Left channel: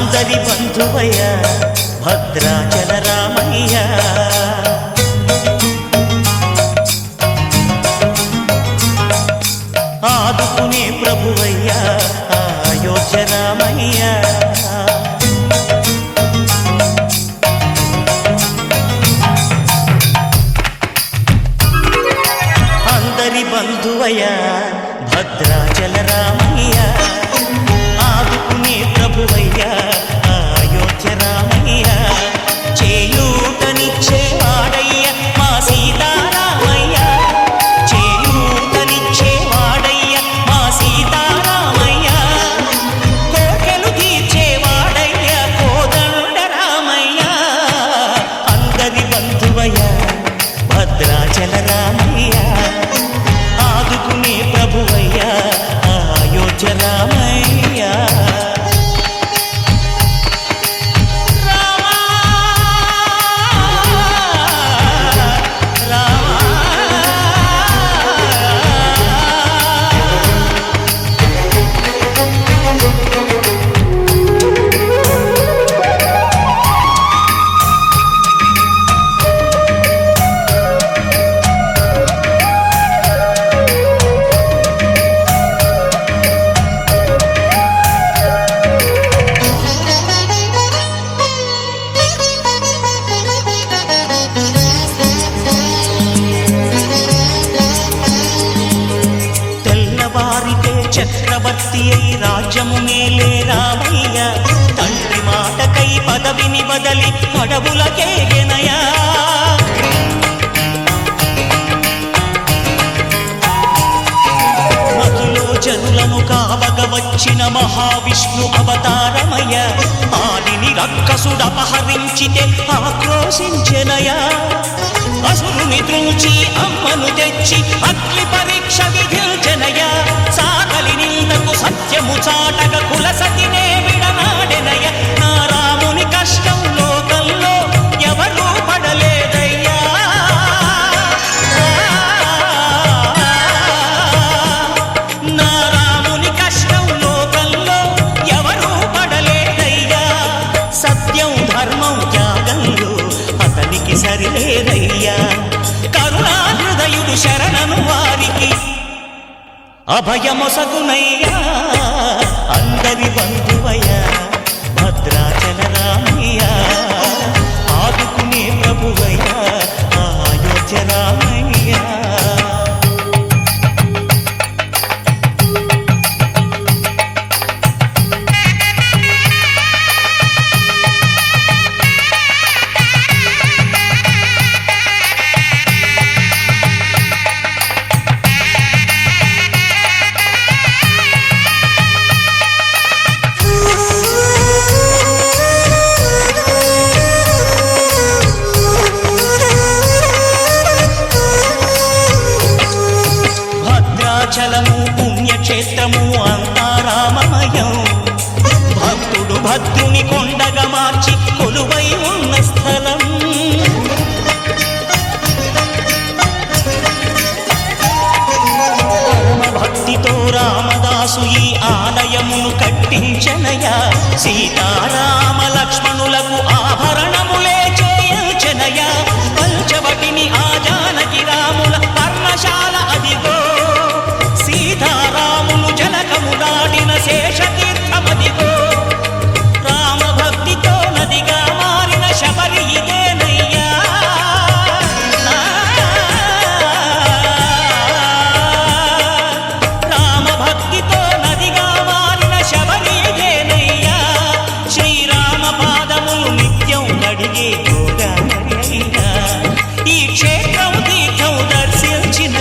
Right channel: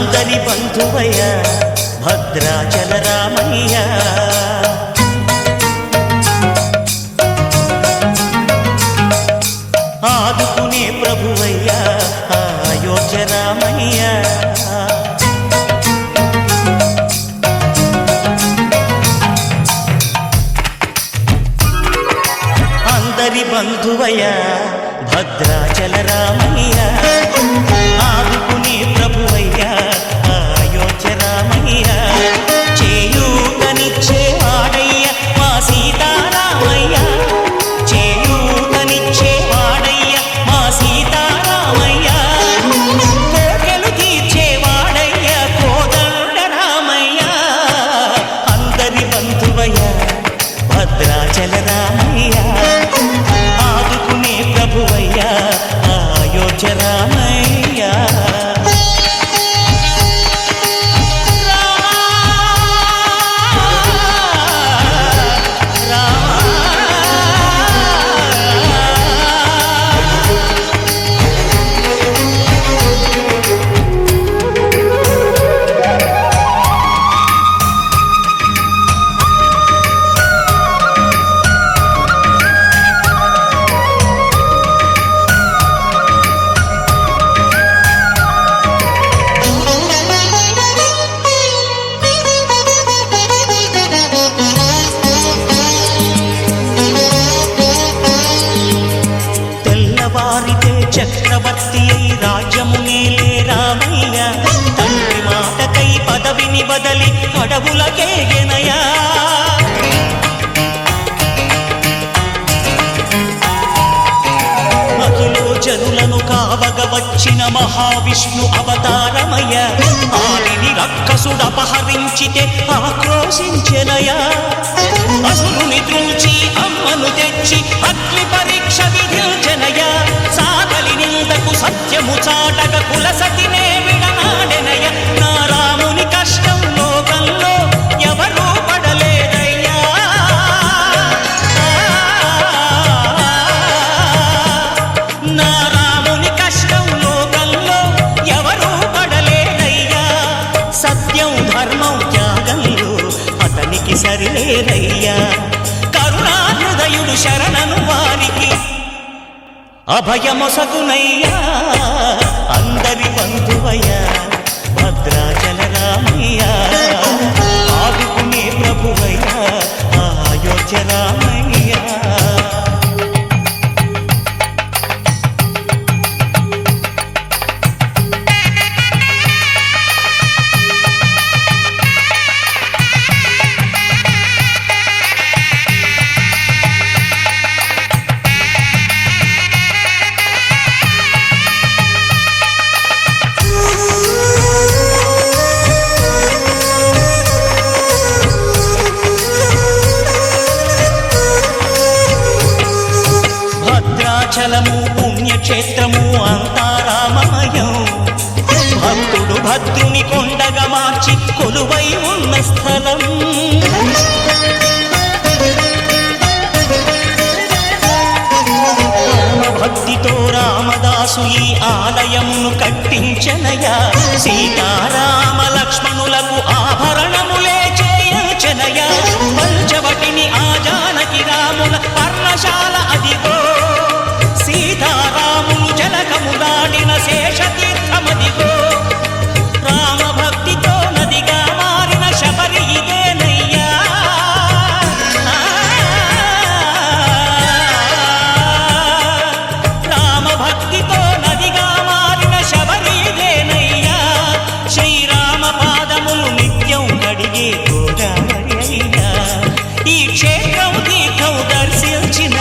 అందరి బంధువయ్య భద్రాచల రామయ్య, ఆదుకునే ప్రభువయ్య అయోధ్య రామయ్య. అందరి బంధువయ్య భద్రాచల రామయ్య, ఆదుకునే ప్రభువయ్య అయోధ్య రామయ్య. చేయూతనిచ్చేవాడయ్య మా సీతారామయ్య, చేయూతనిచ్చేవాడయ్య మా సీతారామయ్య. కోర్కెలు తీర్చేవాడయ్య కోదండ రామయ్య. అందరి బంధువయ్య భద్రాచల రామయ్య, ఆదుకునే ప్రభువయ్య అయోధ్య రామయ్య. వారితే చక్రవర్తి అయి రాజ్యమునేలే రామయ్య, తండ్రి మాటకై పదవిని బదలి అడవులకేగెనయా. మహిలో జనులను కావగ వచ్చిన మహావిష్ణు అవతారమయ్య, ఆలిని రక్కసుడపహరించితే ఆక్రోశించెనయా. అసురుని త్రుంచి అమ్మను తెచ్చి అగ్ని పరీక్ష విధించెనయ, సాగలి నిందకు సత్యము చాటగ కులసతినే విడనాడెనయ. నా రాముని కష్టం లోకంలో ఎవరూ పడలేదయ్యా, నా రాముని కష్టం లోకంలో ఎవరూ పడలేదయ్యా. సత్యం ధర్మం త్యాగంలో అతనికి సరిలేరయ్యా. కరుణా హృదయుడు శరణను వారికి అభయమొసగునయ్యా. అందరి బంధువయ్య భద్రాచల రామయ్య, ఆదుకునే ప్రభువయ్య అయోధ్య రామయ్య. భద్రాచలము పుణ్యక్షేత్రము అంతా రామమయం, భక్తుడు భద్రుని కొండగా మార్చి కొలువై ఉన్న స్థలం. భక్తితో రామదాసు ఈ ఆలయమును కట్టించనయా. సీతారామ లక్ష్మణులకు ఆభరణములే చేయించనయా. పంచవటిని ఆ జానకి రాముల పర్ణశాల అదిగో, సీతారాములు జలకములాడిన శేషతీర్థమదిగో. రామభక్తితో నదిగా మారిన శబరి ఇదేనయ్యా. భక్తితో నదిగా మారిన శబరి ఇదేనయ్యా. శ్రీరామ పాదములు నిత్యం కడిగే గోదావరి అయ్యా. ఈ క్షేత్రం తీర్థం దర్శించిన